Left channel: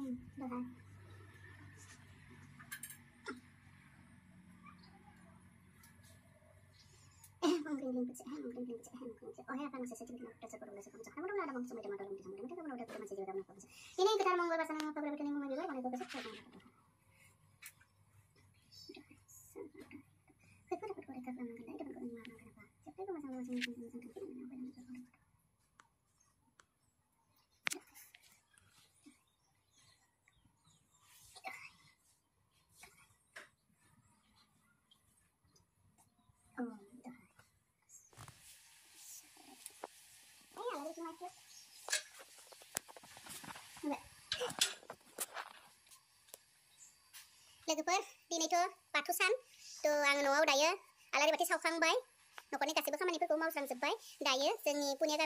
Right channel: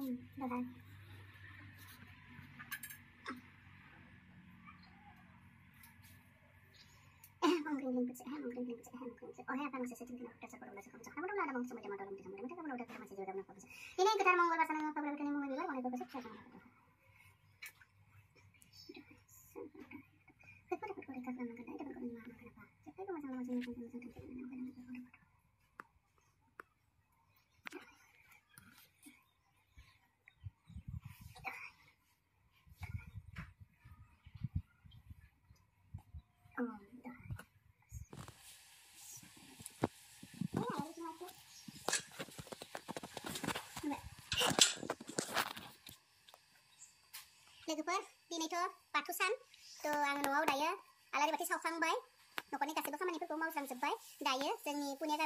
Dahan. Mengkring pecah, oh ya kan masih sedikit kena dasar produk kamu cakap mudah-mudahan ada mau semua dorong bisa mudah kamu udah kita masih juga apa ini yang kita mau pasangan apa berarti ini mau juga mau besok saya mau apa kita dapat mereka kan makan dapat kau marah kenapa cepat itu masalah लोगोफोर दिनैथ' बाथौ सान थ' आं न'आव दायो आलारि बाथि सावखांबाय न'खरनि गासैबो खामानिफोरखौ मावस्रांजोबबाय दायो जोंनि पुनिया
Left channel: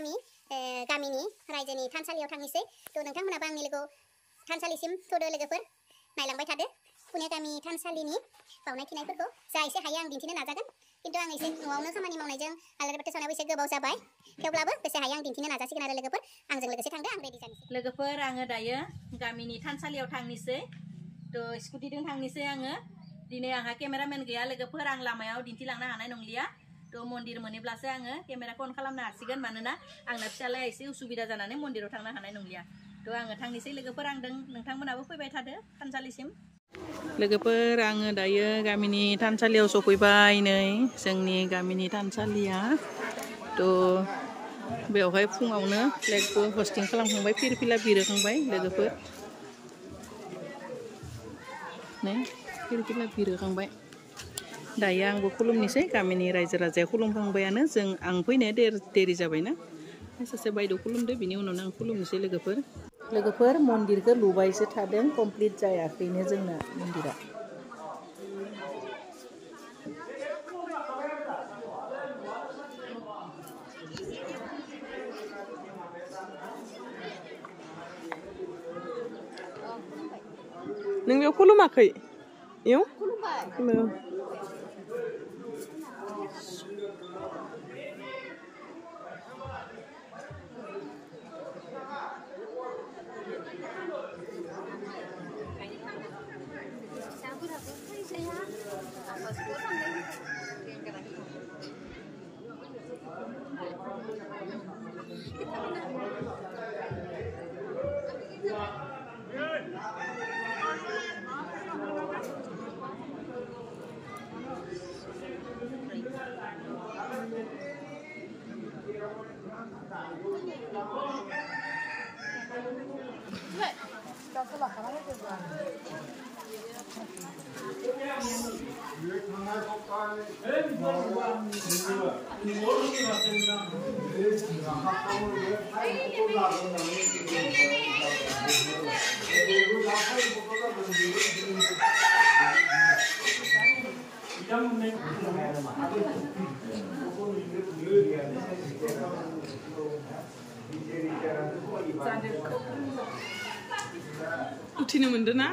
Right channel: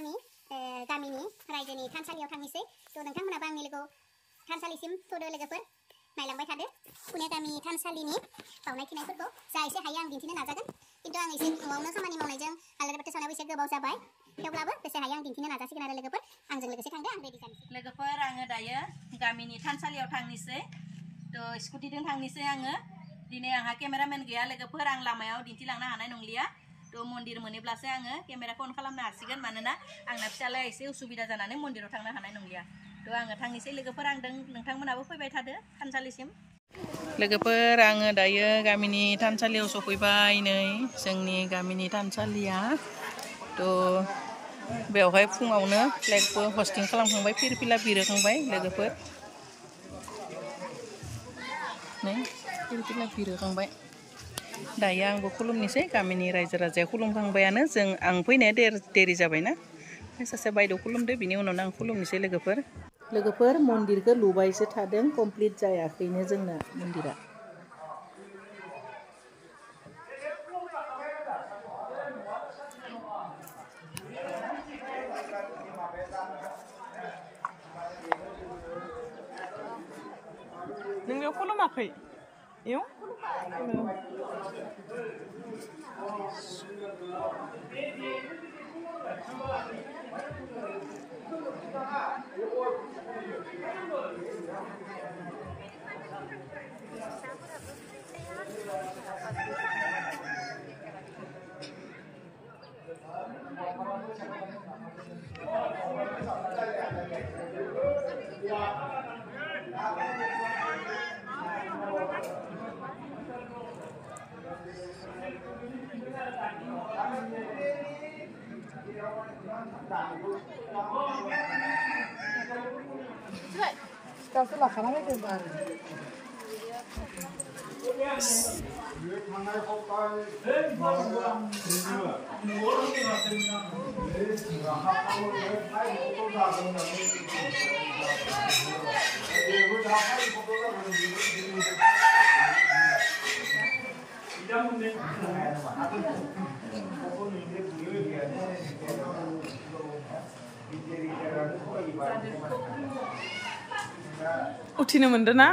गामिनि रायजोनि थानसालियाव थांनोसै थ' नोंथांमोनाबो आंनि लोगोआव थानसालिसिम फैदो लोगोफोर नायलांबाय थादो पुनिया गामि थानसालिनि बावनाय थिनायफोरखौ जा एसे हायो आं दिन्थिनो नाजागोन खिन्थु आं एसे न'आवनो खामानि मावनायजों आलारि बाथि सावनायाबो एसे गोबाव जाबाय थेवब्लाबो बेसे हायो आं दिन्थिनो नाजासिगोन आरो लोगोफोर आंजों लोगोसे थांदो आं रेडि जानोसै लोगोफोर आङो दायो गामिनि थानसालियाव थांनोसै थ' स्कुटिजों थांनोसै आङो दिनै आंहा केमेरामेन गैया लोगोफोर आं लामायाव दिन्थिलांनो हानाय नंलिया थ' मन्दिर मोनोब्लासो आङो केमेराखौ अन खालामनो हासिगोन मानोना आंना फिसालाया एसे उसुबिदा जानानै मन्दिराव थांनो हानाय नंलिया थ' आङो थांनोसै लोगोफोर आं नोंथांमोनाबो फैबाय थादो थानसालिसिम लोगोफोर आङो दायो गामिनि थानसालियाव सफैबाय नै जोंनि गामिनि थानसालिया थ' बेवहाय फुङावनो फ्लेगबो हस्टिं खालामखांबाय फिरफिला बिरहोखांबाय लोगोफोर नै फिरफिला बिरहोखांबाय दायो आंबो खुलुमनोसै गामिनि रायजो राजाया खुलुमखांबायानो आं फैनाया देरि जाबायना सासे बायद' खुलुमदो बिनि उनावनो आं खुलुमनोसै लोगोफोर मन्दिरखौ लुबायसो थादों कमप्लिट जायाखैनो जोंना मन्दिरा नों बेयाव खुलुमाखै इयाव उथिनो मोनदों ना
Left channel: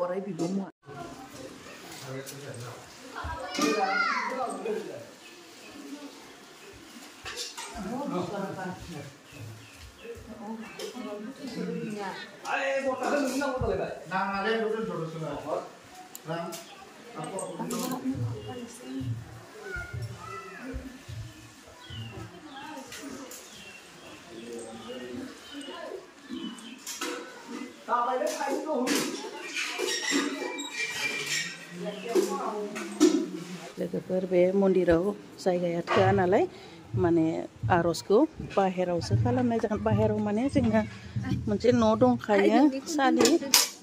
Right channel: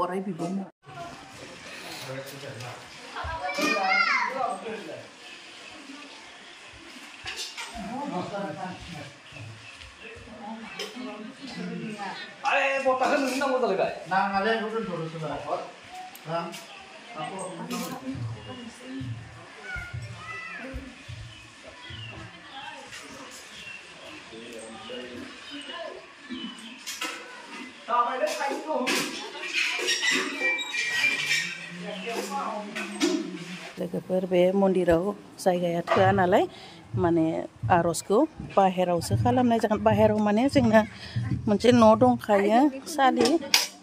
orang ibu mu. Ayo, mau tahan ini nggak boleh kan? Nah, ada yang udah dulu sudah. Ram, aku. लोगोफोर बे मन्दिराव जायगाया थोआ नालाय माने आर'जखौ बाहेरावसो खालामनाय जागोन बाहेराव माने जोंना मोनसे न' दंखायो सालि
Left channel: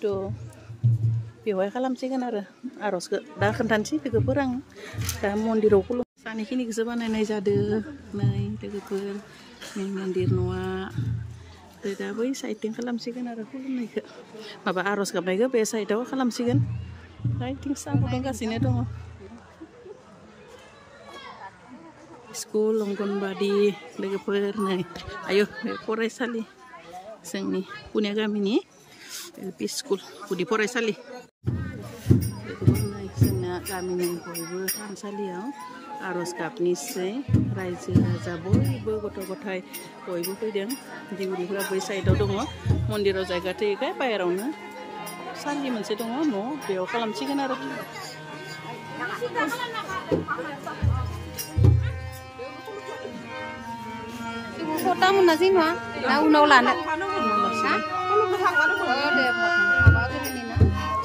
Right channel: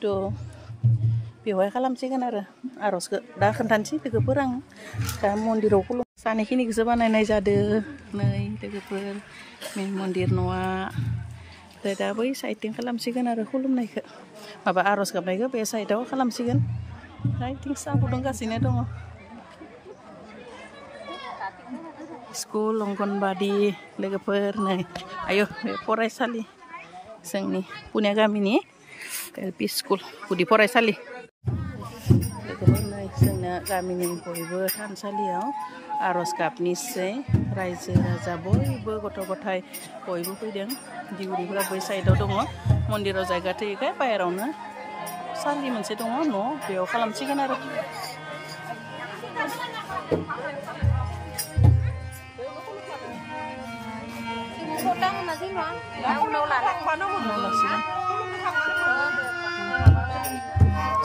थ' बेवहाय खालामसिगोन आरो आर'जखौ दा खोन्थानोसै लोगोफोर आं दा मन्दिराव सानैखिनिखौसो बानायनाय जादों नै लोगोफोर मेन मन्दिर न'आ दा बै साइडथिं खालामसिगोन आरो खुलुमनायखौ माबा आर'ज गाबनायखौ बे साइडआव खालामसिगोन साइडथिं साहा फुदुंगासिनो दङ स्कुल अंगनबादि लोगोफोर नै आयो बे फरायसालि जोंनि पुनिया गामिनि एलपि स्कुल गुदि फरायसालि लोगोफोर नै जोंना गामिनि बयबो थानसालियाव आर'ज गाबनिसै रायजो राजा बयबो गथ' गथाय बयबो फैदों दिउरिफोरा बै साइडआव दङ मन्दिराव जायगा थोयैखाय बाहेरावनो सालि मोनसे दङ न' बेयाव खालामसिगोन आरो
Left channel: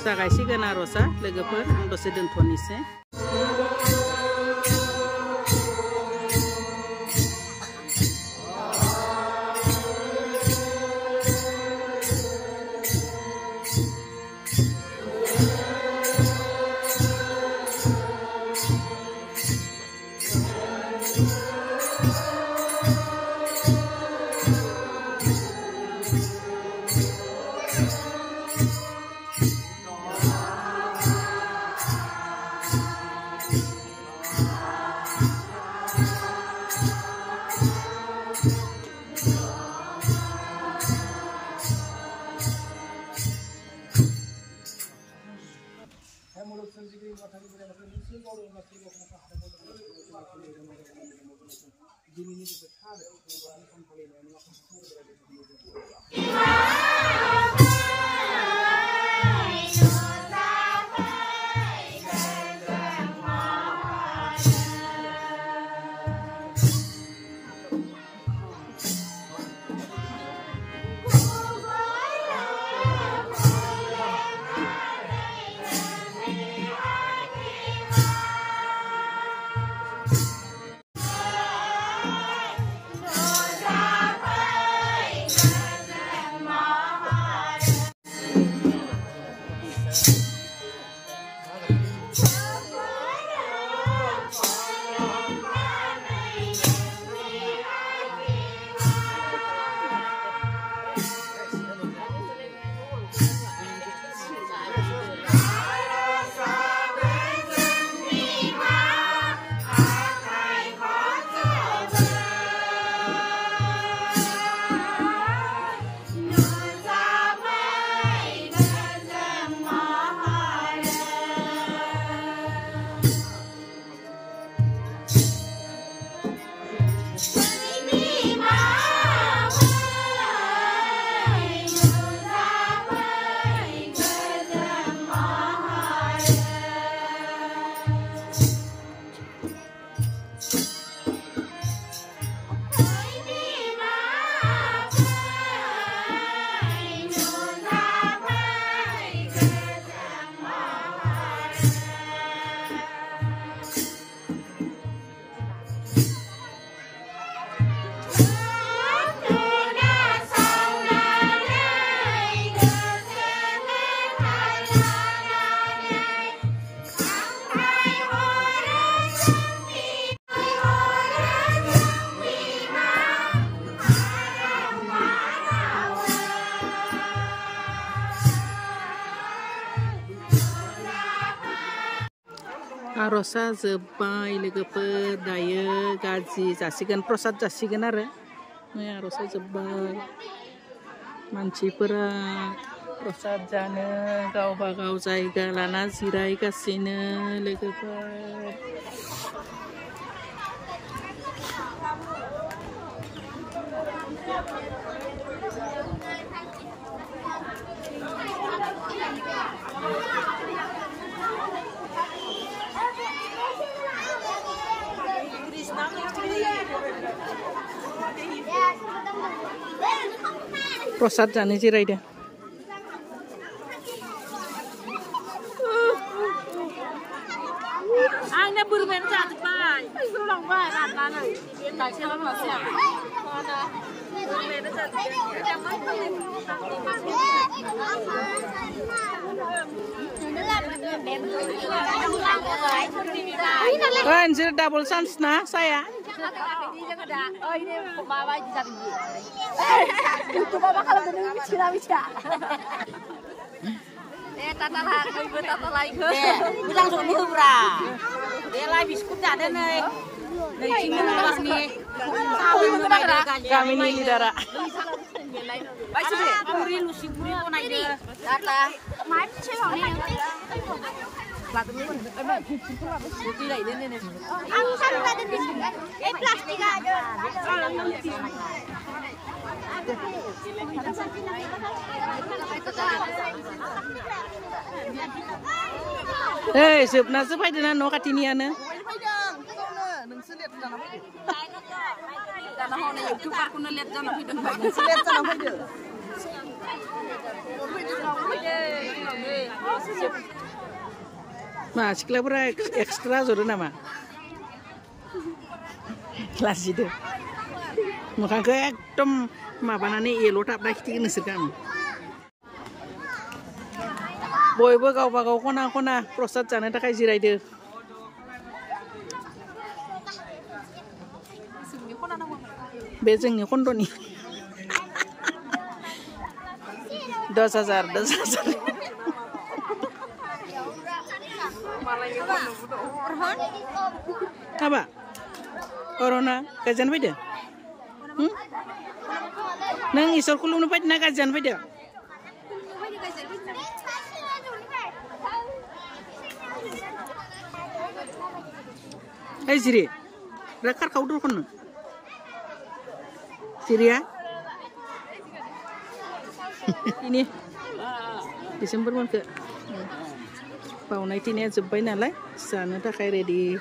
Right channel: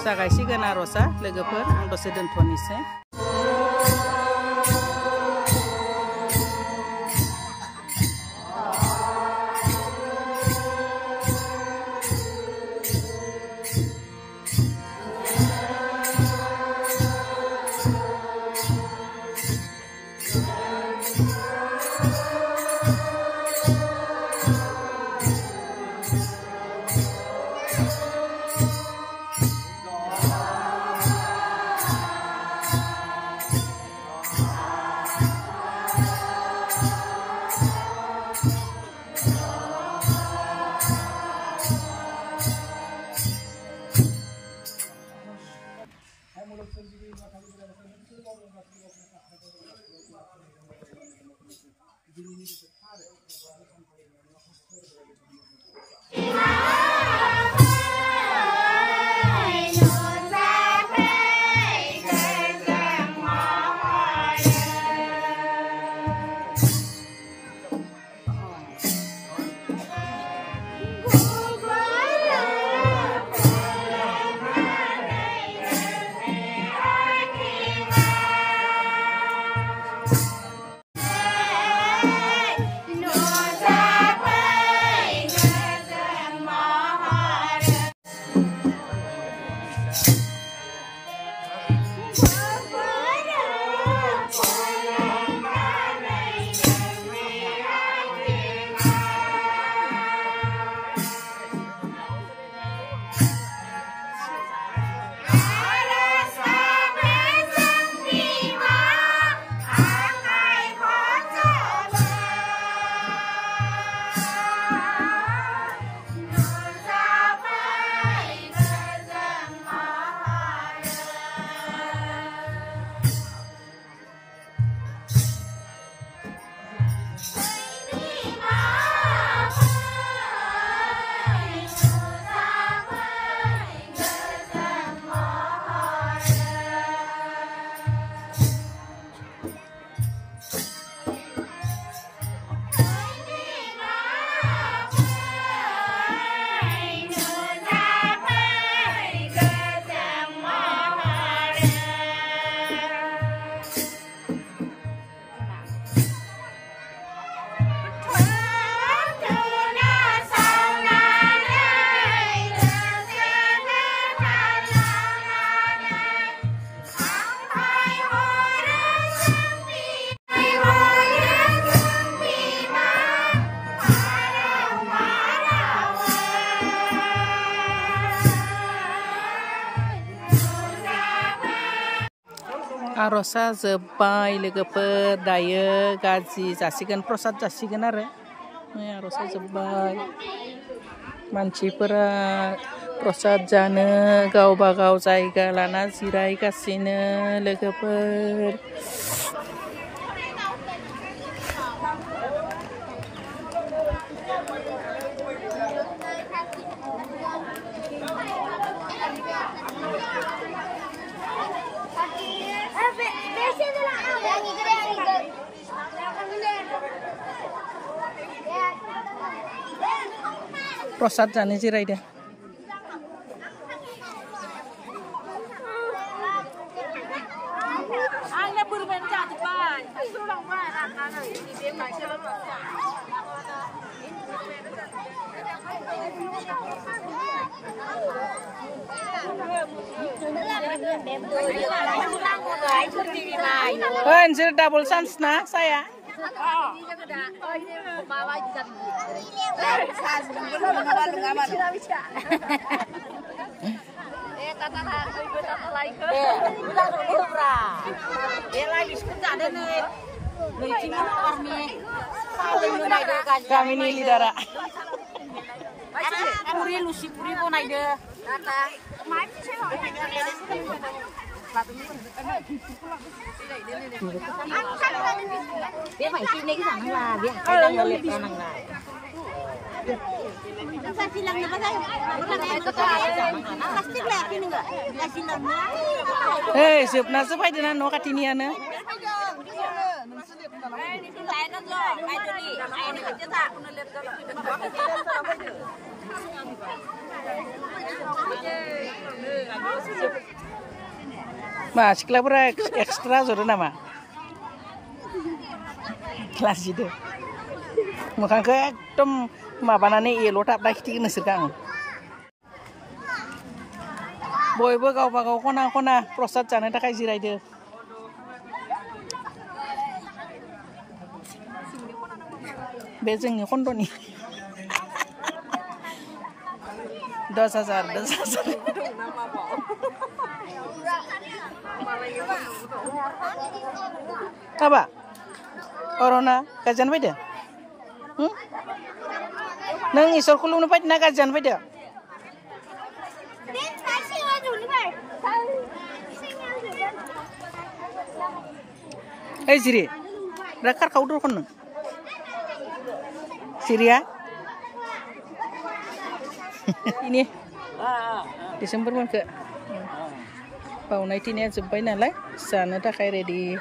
जागायसिगोन आर'जआ लोगोफोर आं दसे दोनथ'नोसै आर'जआ जोब्बाय लोगोफोर दायो गाजि जासिगोन प्रसाद जासिगोन आरो नै आर'जआ जोब्बाय मानसिफोरा प्रसाद जानो गावबा गाव जायगा लाना जिरायगासिनो लोगोफोर प्रसाद जानो जिरायदों आंना बोरमायानो जाजोब्बाय Anjir double chance na saya. Kami ini lidara. Hei, sebna sepai dengan no katiniana. Mas, siklapura ekstra zodo nama. Kelas itu. Muka ke ekdom mabanane yellow tap dah kita nesir kang. Boybo gaw kona prostat jana takai jirai deh. Bezengnya kondo nih. 10,000. Apa? Corona kajian beda? Nang isor kulung nupat na kajian beda? Siri, rakar kau dulu kan? Siria? Ini Desember pun ke bau naik ini jumpai nalai sana tak kayak ready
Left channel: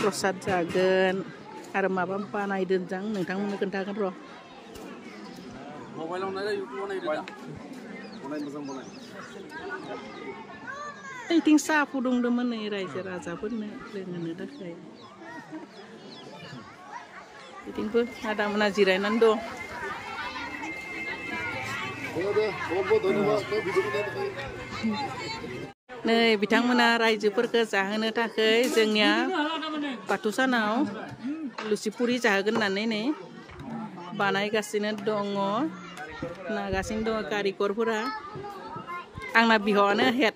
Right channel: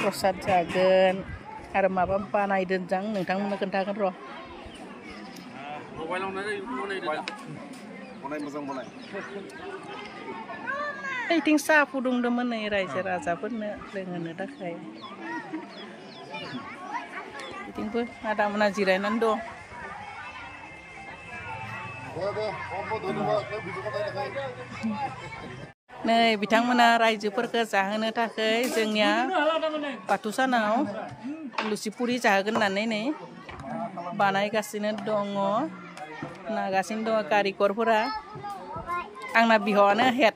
prostat jagen ada apa naik denjang nentang mana kentakan roh ting sapu dong demen nih raja raja pun dengan tak kayak ting pun ada mana jirainan do. Nih, bitamana rajuperke jahono takai जोंनिया Batusanau Lusipuri jahoगोन होननानै बानायगासिनो दङ नागासिनो दङ कारिकरफोरा आंना बिहावानो हेड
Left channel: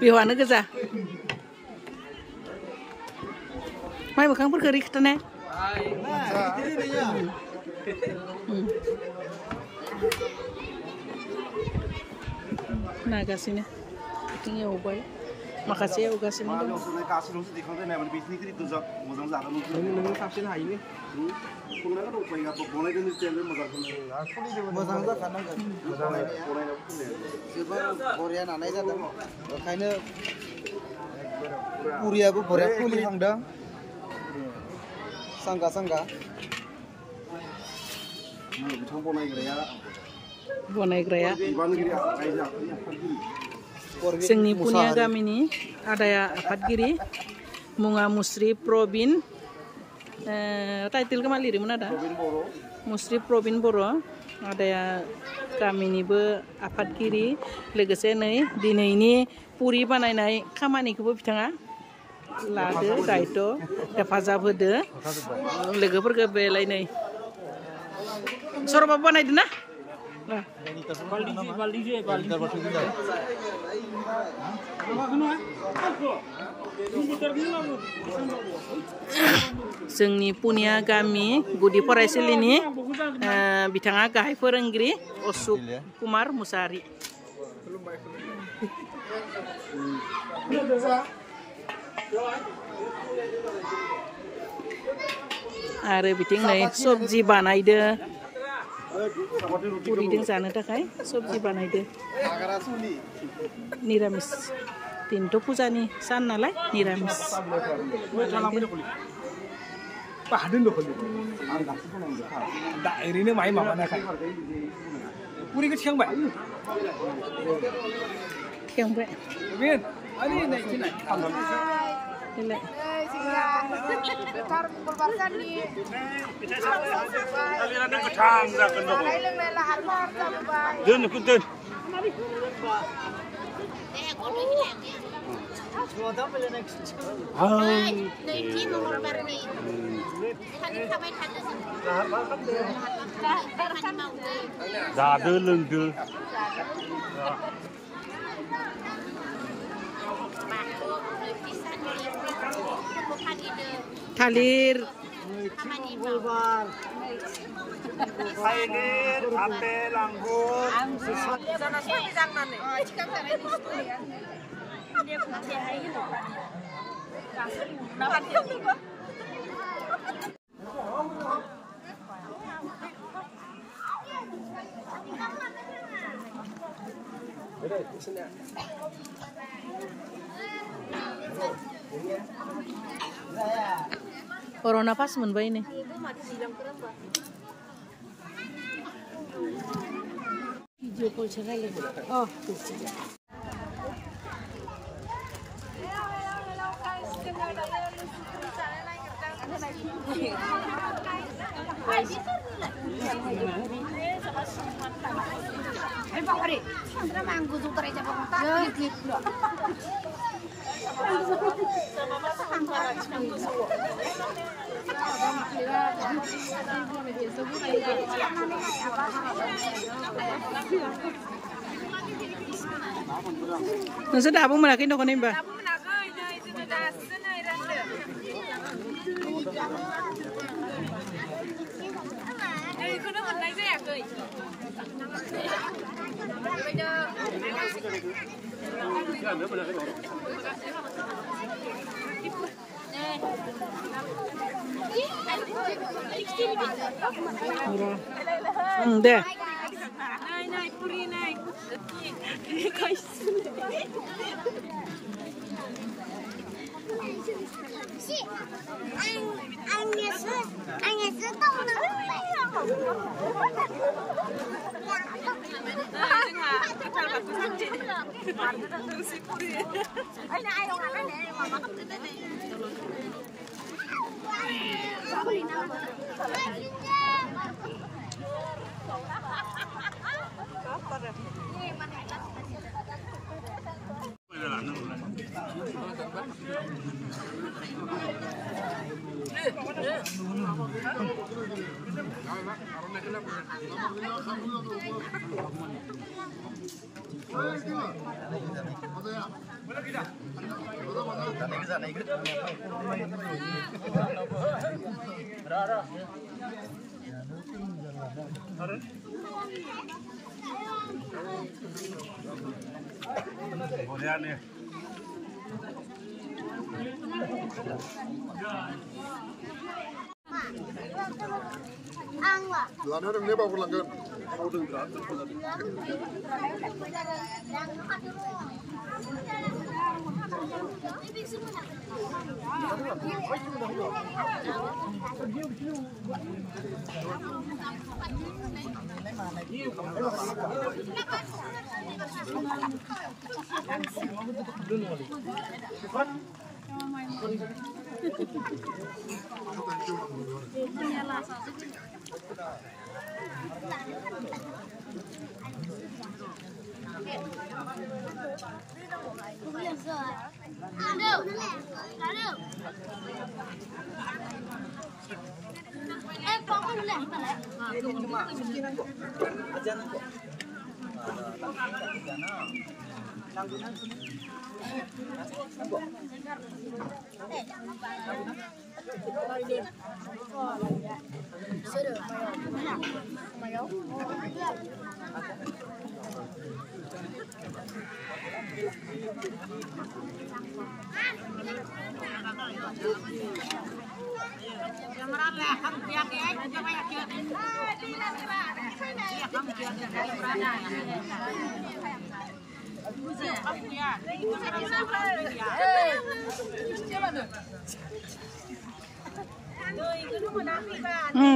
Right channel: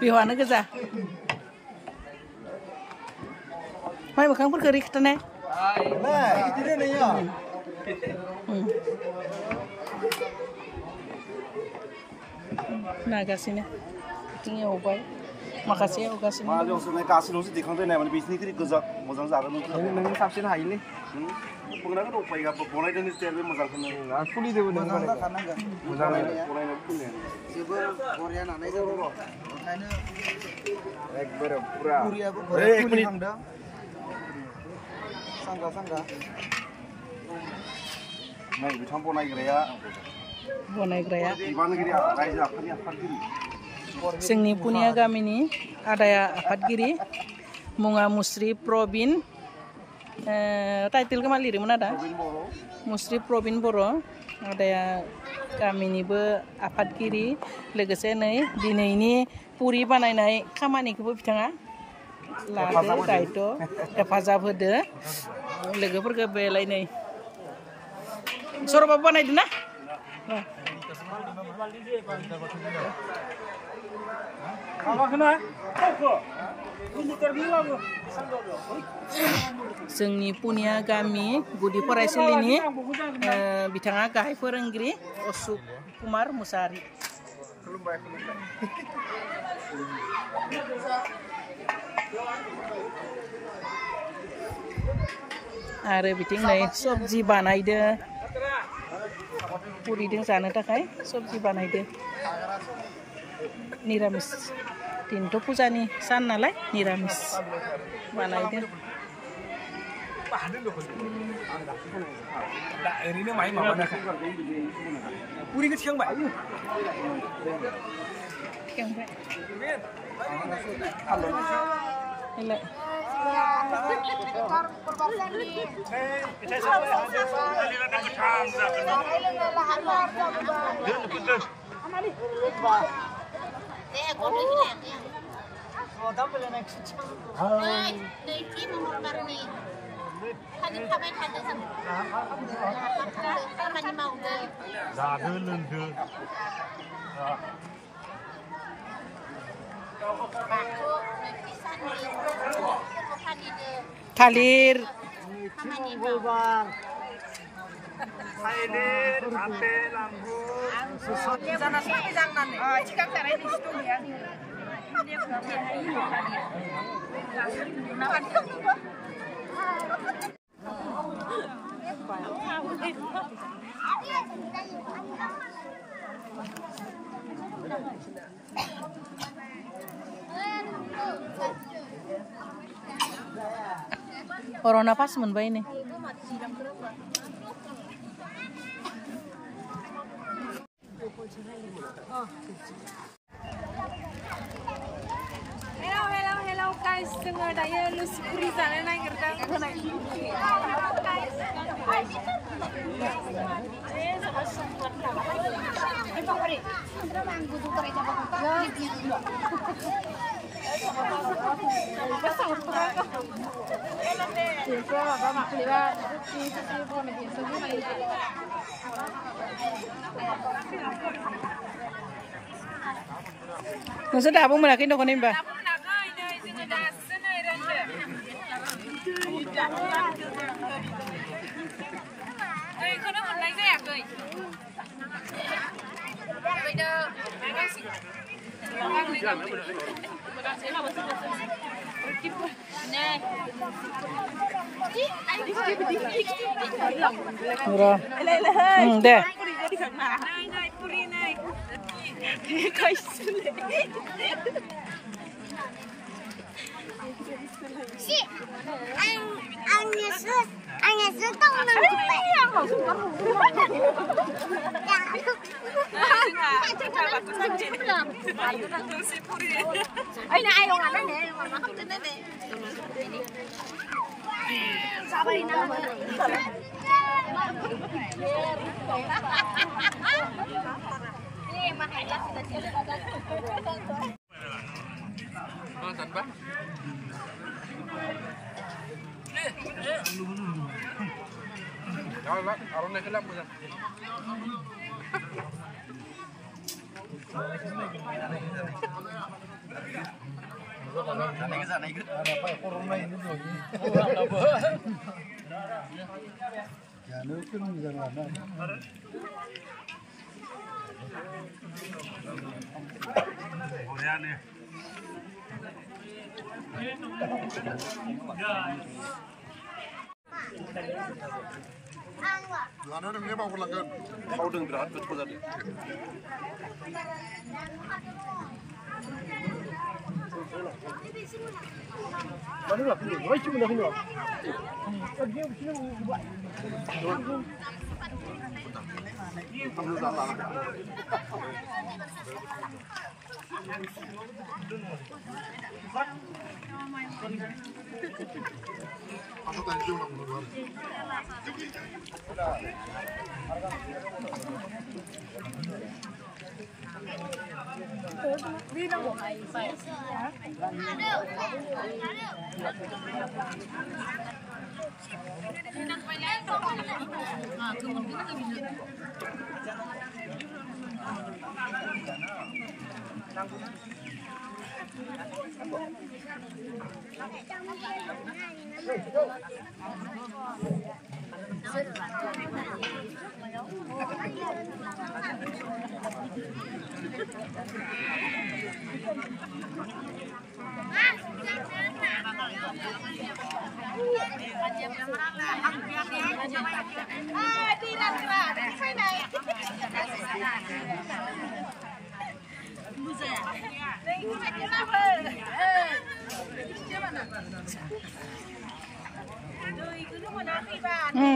बिहावानो गोजा माइ मोखांफोरखौ रिखथानाय नागासिनो बिथिं एवबाय माखासे एवगासिनो दङ गासिनोसो दिखांदों माने बिसिनिख्रुइ गोजा मोजां जागोन नों साबसिन हायोलै संनायखौ दंफायो बनायदों स्टाइलबो मोजांखौनो खुलिदोंबो मोजां जाखानांगोन जोबोर बरिया नानाय जादों ओंखायनो एकदम पुरियाबो बरिया खुलिहांदों सांगा माइ बिथां बनायग्राया बिबानगिरि रायजो आफादनि आफादगिरि जोंनि पुनिया गामिनि आदाया आफादगिरि मुङा मुस्रि प्रबिन टाइटेलखौ मा लिरोमोन आदा मुस्रि प्रबिन बर' आदाया गामिनिबो आफादगिरि लोगोसे नै दिनैनि पुरि बानायनाय खामानिखौबो बिथाङा लादो दायित्व हेफाजाब होदो लोगोफोरखौ बेलाय नै सरबाबो बानायदो ना जोंनि पुनिया गामि गुदि फरायसालिनि बिथाङा गाहाय फोरोंगिरि अशोक कुमार मुसाहारि आरो बिथिं नै सबजि बानायदो पुरिदों जानो थाखाय सबजि बानायदो निरामिस दिनथ' फुजानि सान नालाय निरामिस बानायदो ओरैनो माइ माबानाखाय पुरिखौ थिखांबाय Ini. Thalir. Corona pas moनबाय ini. Hello guys, जोङो दायो लुसि पुरि जानो Nggak dapat monakin dong ini mbak. Ikhonu मोननाय जायाखै Murah. Deh. Nay puri nay. Si, anh Yesus tông nang Jualan orang ini bawa pulang kan? Tahu dong berat betul tadi.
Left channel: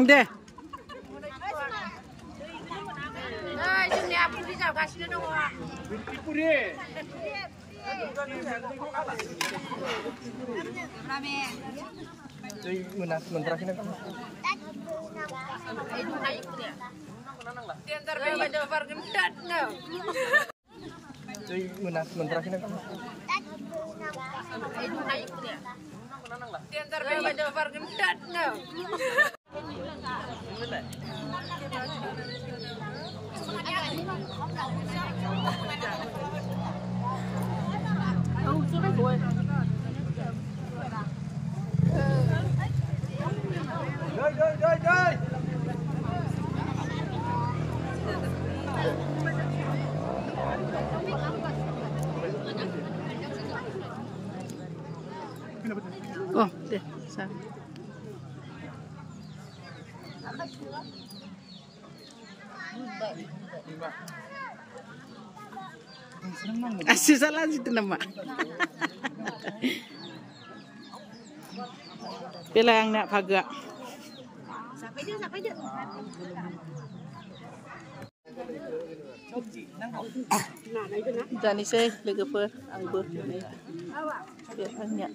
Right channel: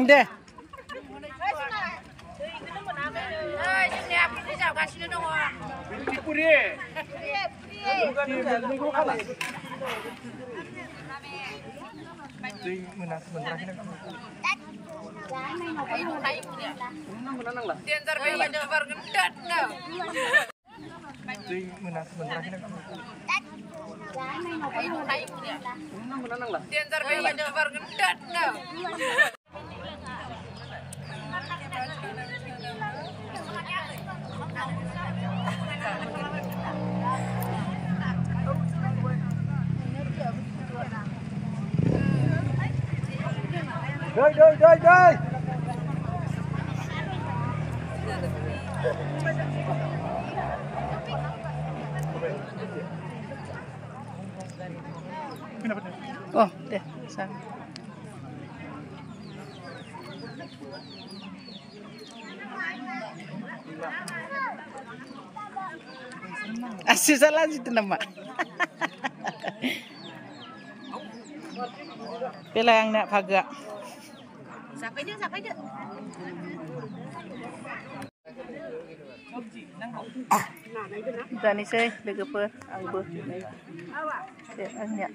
Deh. Ơi, chúng ta đi dạo cả xin đâu à? Puri. Diantar bayi YouTuber gendat no. Diantar bayi YouTuber gendat no. Chơi. Oh, deh, sang. Asyik salah situ nama. Pila yang nak paga. Sampai dia. Tani saya lega per, angber. Dia anyak.